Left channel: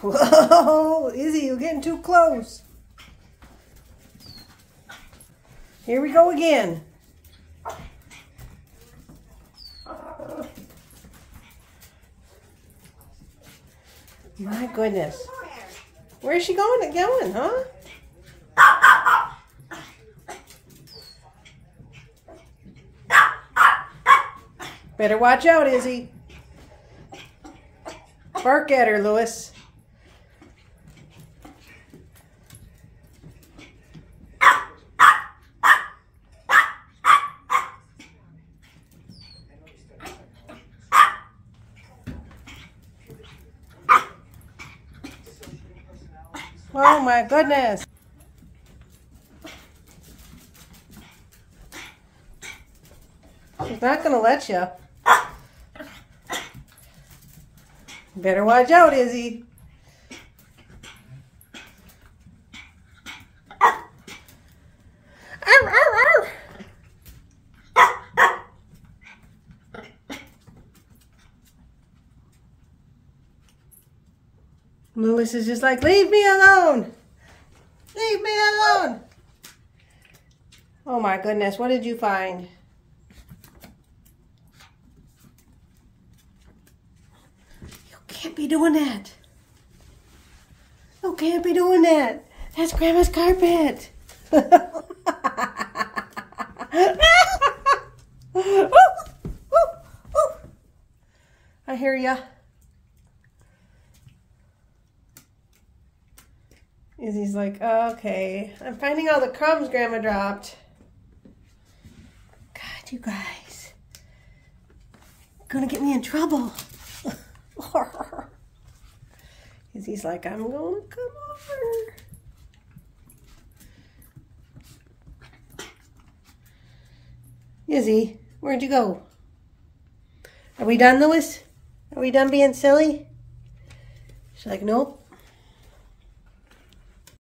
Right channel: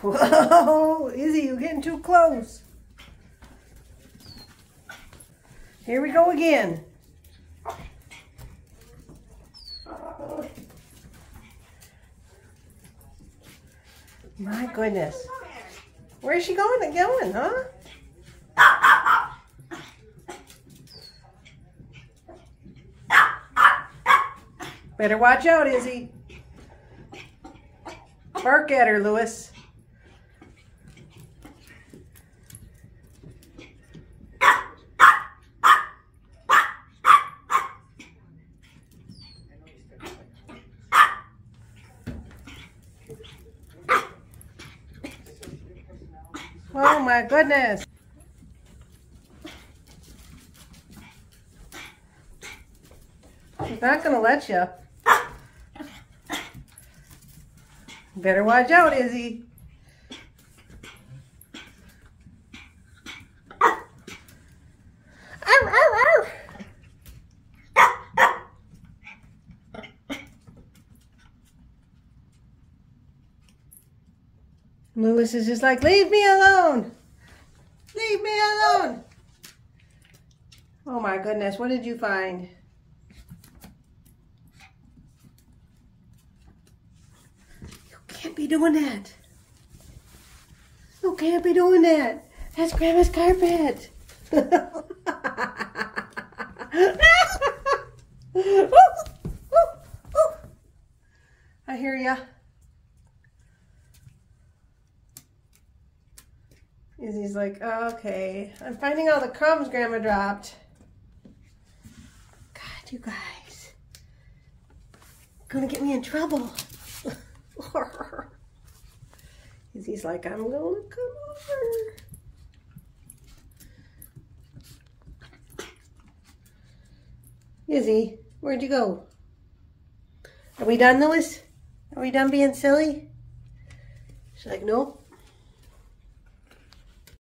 Whoa, Izzy, you're getting too close. Here we go again. My goodness. Where's she going? Huh? Better watch out, Izzy. Bark at her, Lewis. Oh my goodness. She's not going to let you. Better watch out, Izzy. Arr, arr, arr. Lewis is just like, leave me alone. Leave me alone. Oh my goodness, what did you find? Can't be doing that. You can't be doing that. That's Grandma's carpet. I hear ya. Izzy's like, okay, I'm finding all the crumbs Grandma dropped. God, you guys. You're gonna get me in trouble. Izzy's like, I'm gonna come over. Izzy, where'd you go? Are we done, Lewis? Are we done being silly? She's like, nope.